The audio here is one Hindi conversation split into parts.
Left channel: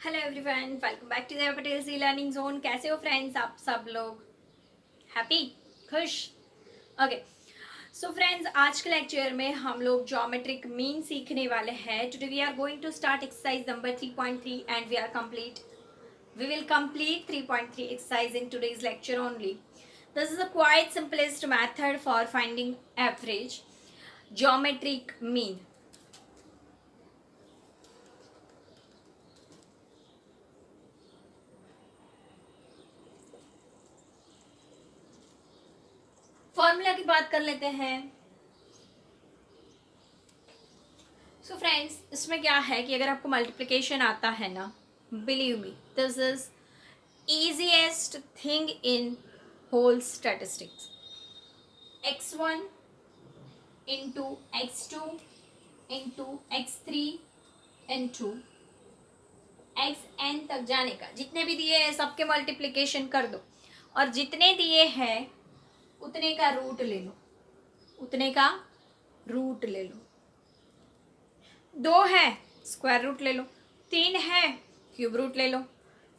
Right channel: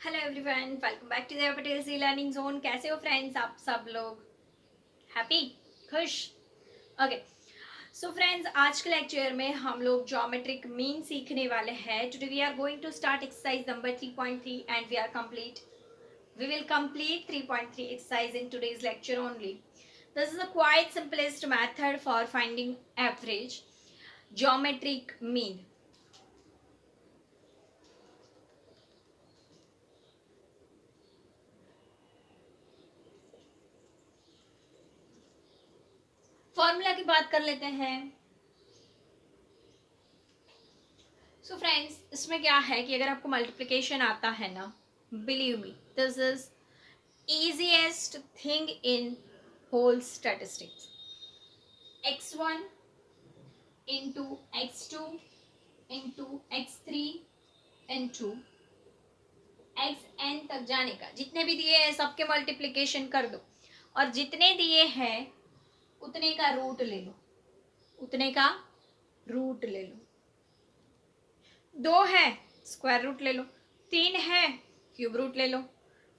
Hello everyone, welcome back to the Patel C learning zone. कैसे हो फ्रेंड्स आप सब लोग? हैप्पी, खुश? ओके। सो फ्रेंड्स, आज के लेक्चर में हम लोग ज्योमेट्रिक मीन सीखने वाले हैं। Today we are going to start exercise number 3.3 and we will complete 3.3 exercise in today's lecture only. This is a quite simplest method for finding average geometric mean. Formula की बात कर लेते हैं। सो फ्रेंड्स, इसमें क्या है कि अगर आपको मल्टीप्लिकेशन आता है ना, believe me, this is easiest thing in whole statistics. x1 into x2 into x3 into xn तक जाने का, जितने भी दिए हैं सबके मल्टीप्लिकेशन कर दो और जितने दिए हैं उतने का रूट ले लो, उतने का रूट ले लो। 2 है, स्क्वायर रूट ले लो। 3 है, क्यूब रूट ले लो।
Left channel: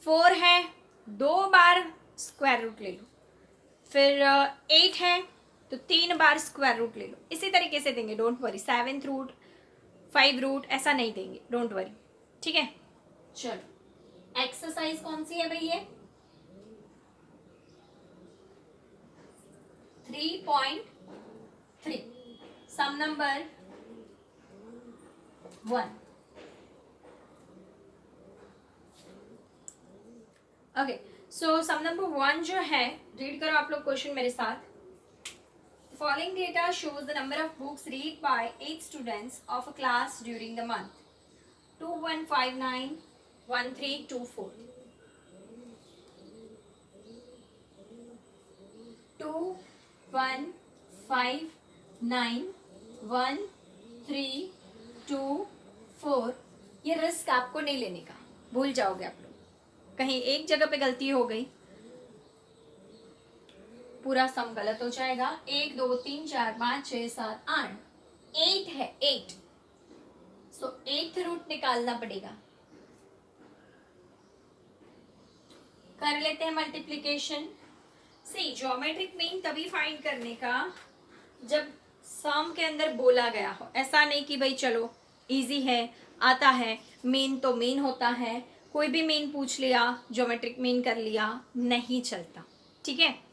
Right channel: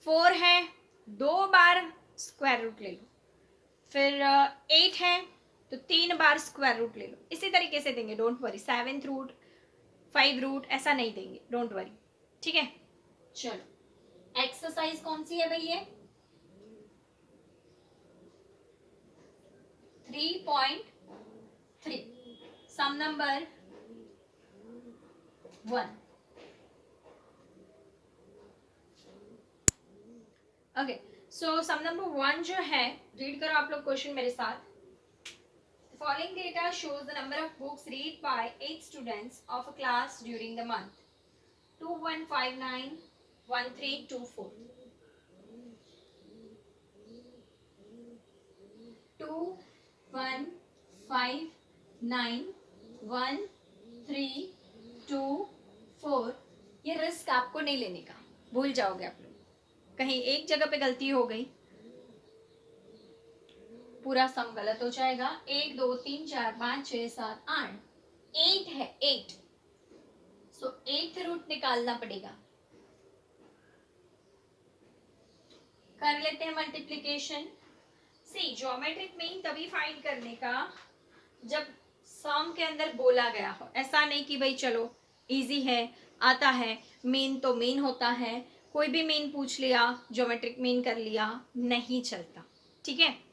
4 है, 2 बार स्क्वायर रूट ले लो। फिर 8 है तो 3 बार स्क्वायर रूट ले लो। इसी तरीके से देंगे, don't worry. 7th root, 5 root ऐसा नहीं देंगे, डोंट वरी। ठीक है, चलो एक्सरसाइज कौन सी है भाई? ये 3.3, सम नंबर 1। ओके, सो सम नंबर 1 जो है, रीड करो आप लोग क्वेश्चन मेरे साथ। The following data shows the number of books read by 8 students of a class during the month 21591324. 21591324। ये रिस्क आपको नहीं लेने का, भूल जाओगे आप लोग। कहीं एक जगह पे गलती हो गई, पूरा सम गलत हो जाएगा। 1 2 3 4 5 6 7 8, 8 है, 8। सो 8th रूट निकालना पड़ेगा। कर लेते हैं मल्टीप्लीकेशन। सी, ज्योमेट्रिक मीन तभी फाइंड करने का जब सम के अंदर बोला गया हो। ऐसा नहीं कि भाई चलो इजी है, आता है, मीन तो मीन होता है, कोई भी मीन पूछ लिया, ज्योमेट्रिक मीन कर लिया, नहीं चलता। ठीक है,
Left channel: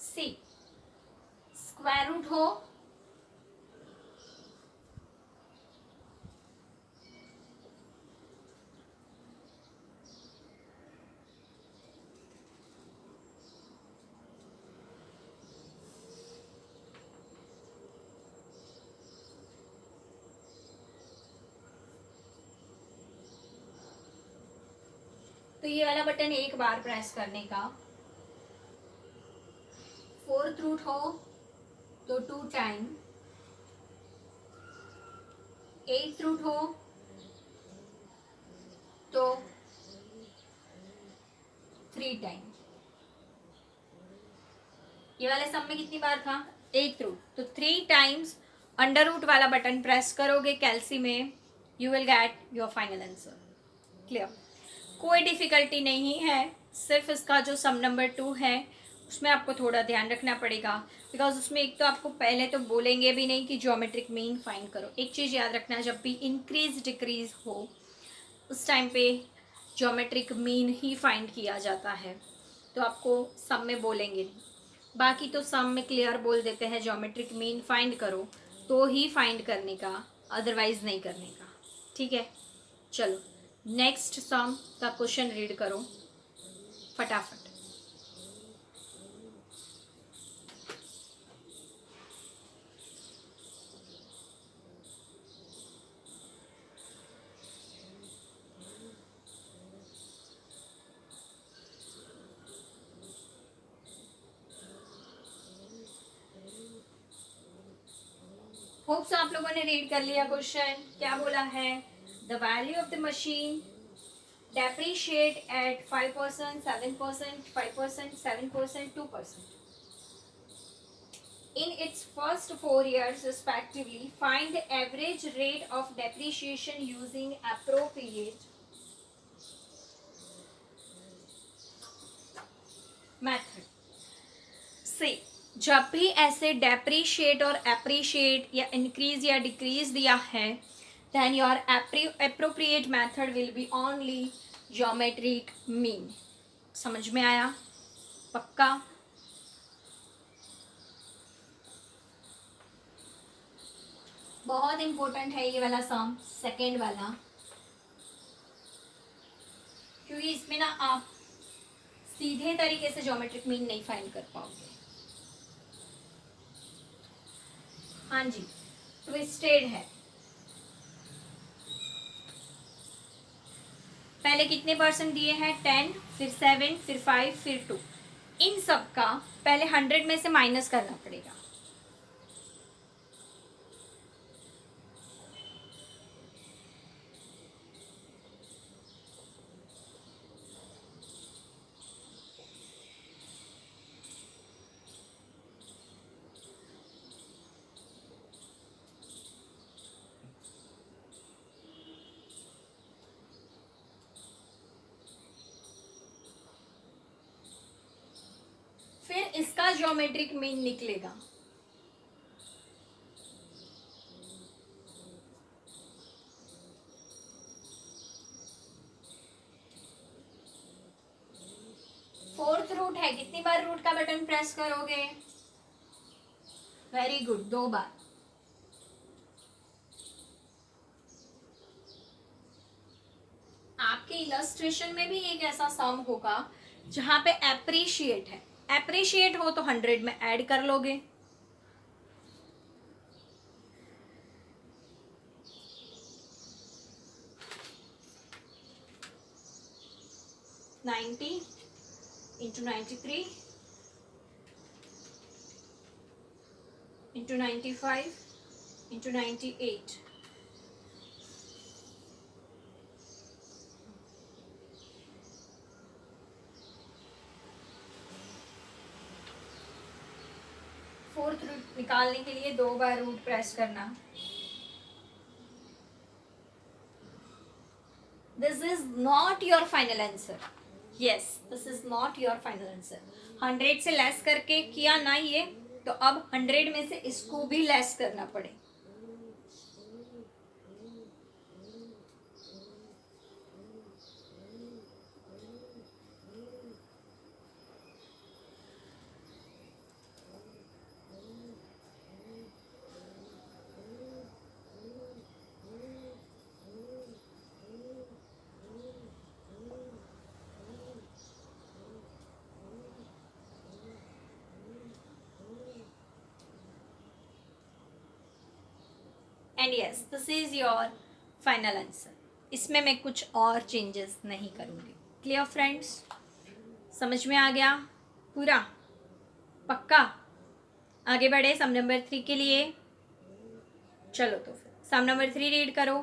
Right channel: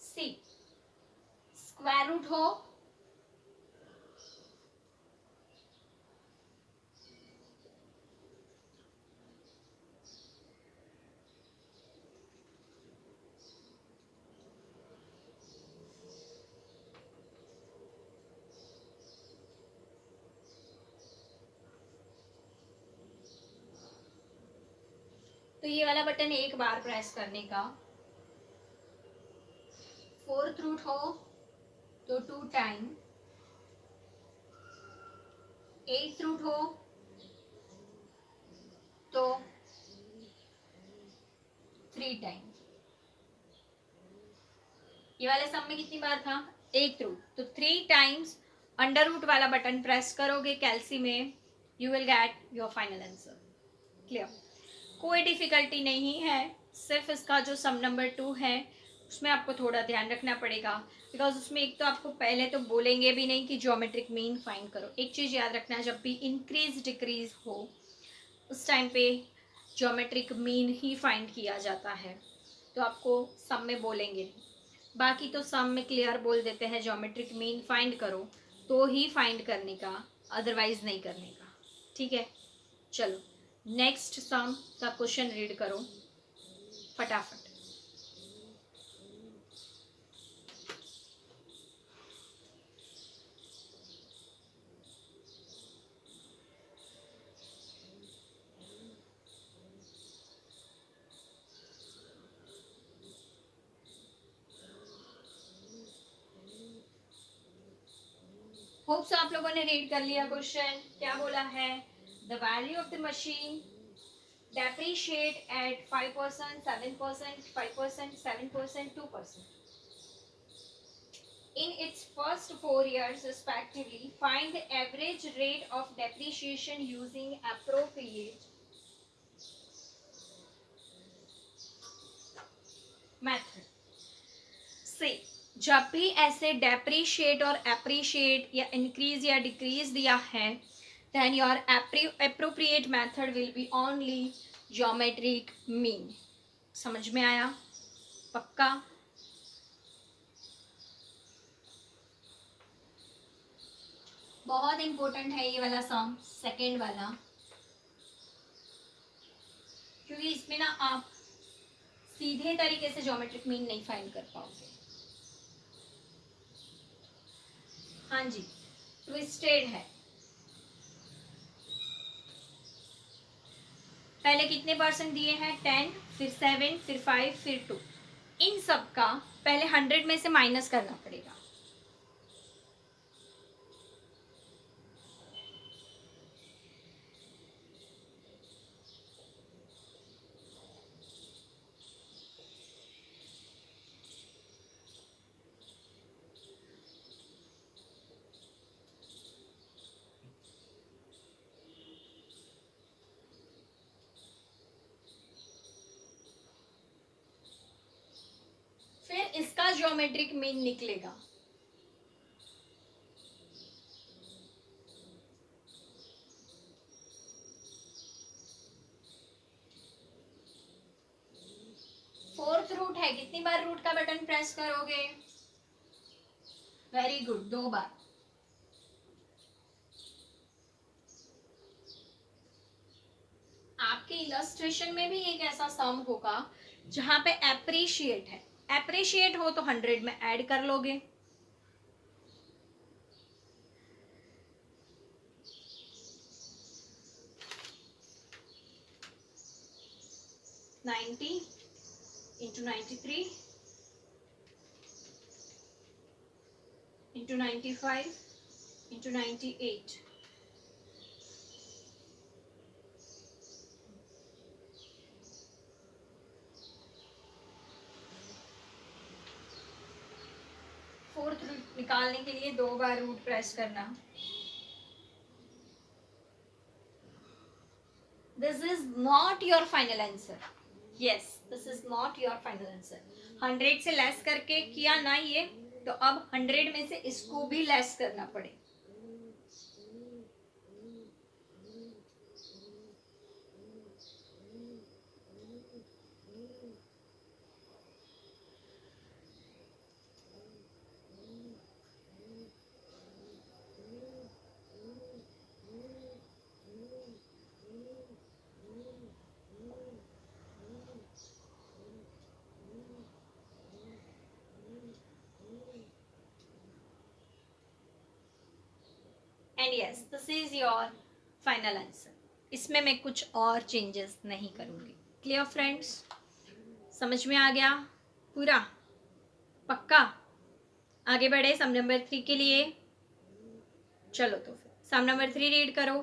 सी स्क्वायर रूट हो तो ये वाला बटन एक बार प्रेस करने का। 4th रूट हो तो 2 टाइम, 8th रूट हो तो 3 टाइम। ये वाले सम में कितनी बार था? 8th रूट, तो 3 टाइम्स अंडर रूट वाला बटन प्रेस करोगे कैलसी में, you will get your final answer. Clear? कोई डिफिकल्टी नहीं है, सिर्फ इसका जो सम नंबर 2 है उसमें आपको थोड़ा ध्यान रखना पड़ेगा, बिकॉज उसमें एक तो आपको पहले तो बोलेंगे भी नहीं कि ज्योमेट्रिक मीन फाइंड करो। एक चीज़ याद रखना, जब भी इंक्रीज डिक्रीज हो उस टाइम पे ज्योमेट्रिक मीन ही फाइंड किया जाता है, तो आपको सम में बोलेंगे नहीं। बाकी तो सम में क्लियर बोल देते हैं ज्योमेट्रिक मीन फाइंड करो, तो ही फाइंड करने का, अदरवाइज नहीं करने का। ठीक है, चलो नेक्स्ट सम का क्वेश्चन रीड करो फटाफट। होप्स आप लोगों ने रीड कर लिया क्वेश्चन। क्या बोला है? The value of the machine depreciate at 5%, 7%, 5%, 7%, 2%. In its first 4 years respectively, find the average rate of depreciation using appropriate method. से जब भी ऐसे डेप्रीशिएट और एप्रीशिएट या इंक्रीज या डिक्रीज दिया है, then your appropriate method will be only geometric mean. समझ में आया? पक्का? बहुत इंपॉर्टेंट है ये वाला सम, सेकेंड वाला, क्योंकि इसमें ना आप सीधे तरीके से ज्योमेट्रिक मीन नहीं फाइंड कर पाओगे। हाँ जी, ट्विस्टेड है। पहले कितने परसेंट दिए हैं? 10, फिर 7, फिर 5, फिर 2। इन सब का पहले 100 में से माइनस करना पड़ेगा। फिर इसका ज्योमेट्रिक मीन निकलेगा। फोर्थ रूट है, कितनी बार रूट का बटन प्रेस करोगे? वेरी गुड, 2 बार। आपके इलस्ट्रेशन में भी एक ऐसा सम होगा जहां पे एप्रिशिएट है। एप्रिशिएट हो तो 100 में ऐड कर लोगे। Ninety into 93 into 95 into 98। Fourth root निकालने के लिए 2 बार रूट प्रेस करना। This is not your final answer. Yes, this is not your final answer. 100 से लेस करके किया ना ये, तो अब 100 में से इसको भी लेस करना पड़े। And yes, this is your final answer. इसमें मैं कुछ और चेंजेस नहीं करूँगी। Clear friends? समझ में आ गया पूरा? पक्का? आगे बढ़े सम नंबर 3 के लिए। चलो तो फिर सम नंबर 3 रीड करो।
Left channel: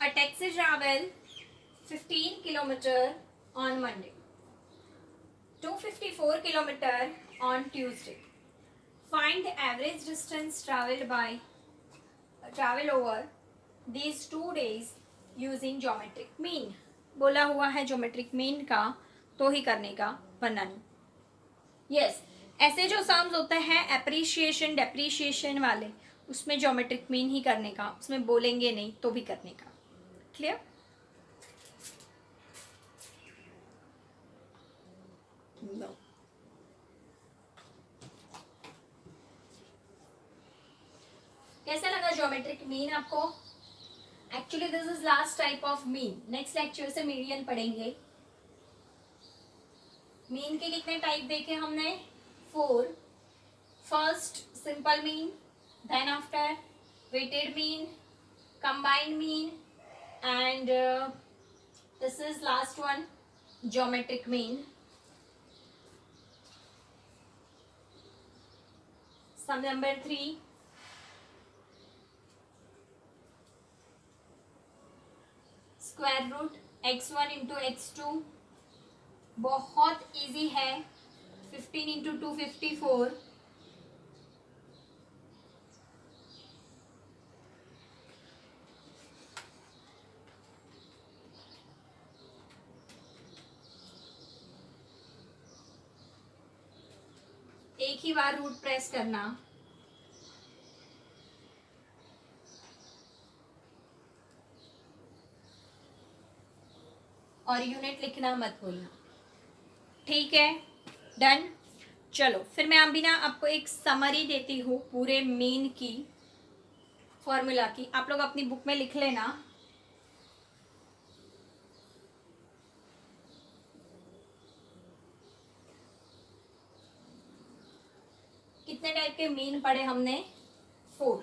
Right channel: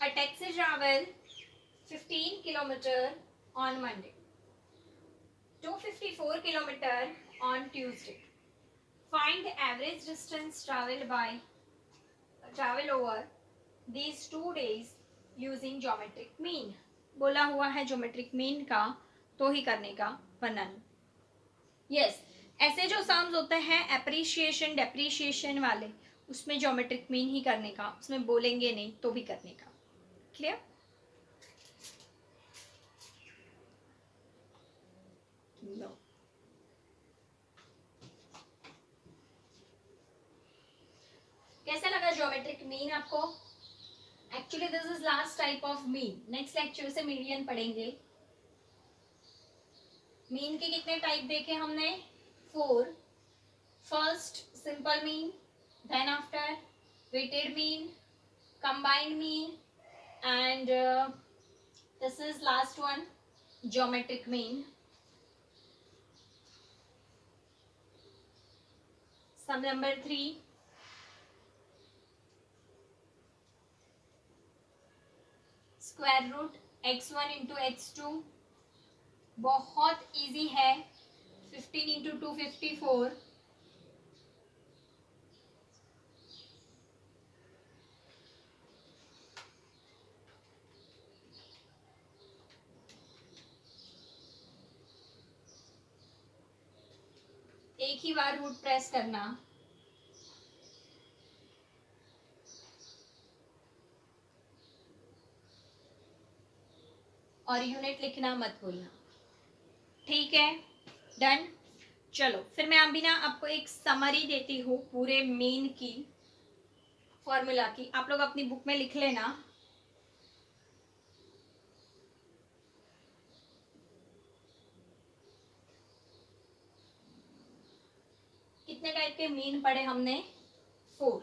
A taxi travel 15 kilometer on Monday, 254 kilometer on Tuesday. Find the average distance travel over these 2 days using geometric mean. बोला हुआ है geometric mean का तो ही करने का, वरना नहीं। यस, ऐसे जो सम्स होते हैं एप्रिशिएशन डेप्रिशिएशन वाले, उसमें geometric mean ही करने का, उसमें बोलेंगे नहीं तो भी करने का। क्लियर? No. कैसा लगा ज्योमेट्रिक मीन आपको? Actually this is last type of mean. Next lecture से मीडियन पढ़ेंगे। मीन के कितने टाइप देखे हमने? 4। First simple mean, then after weighted mean, combined mean and and this is last one, geometric mean. Sum number 3. Square root x1 into x2 बहुत इजी है. 15 इंटू 254. एक ही बार रूट प्रेस करना. और यूनिट लिखना मत भूलना. ठीक है, डन. चलो फिर मैं अभी ना आपको एक समरी देती हूँ पूरे मीन की, फॉर्मूला की. आप लोग अपनी बुक में लिख लेना. कितने टाइप के मीन पढ़े हमने? 4.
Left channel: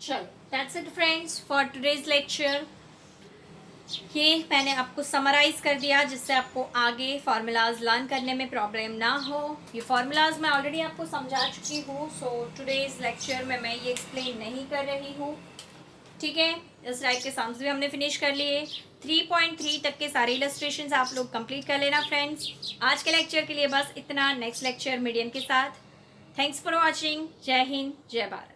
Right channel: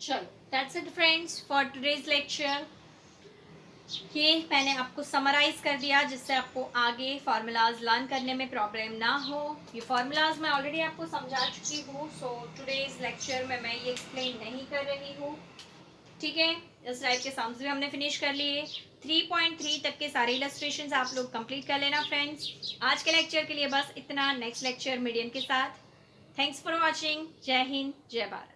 चलो that's it friends for today's lecture. ये मैंने आपको समराइज कर दिया जिससे आपको आगे फार्मूलाज लर्न करने में प्रॉब्लम ना हो. ये फार्मूलाज मैं ऑलरेडी आपको समझा चुकी हूँ, सो टुडेज लेक्चर में मैं ये एक्सप्लेन नहीं कर रही हूँ. ठीक है, इस टाइप के सम्स भी हमने फिनिश कर लिए. 3.3 तक के सारे इलस्ट्रेशंस आप लोग कंप्लीट कर लेना फ्रेंड्स. आज के लेक्चर के लिए बस इतना. नेक्स्ट लेक्चर मीडियम के साथ. Thanks for watching. जय हिंद, जय भारत.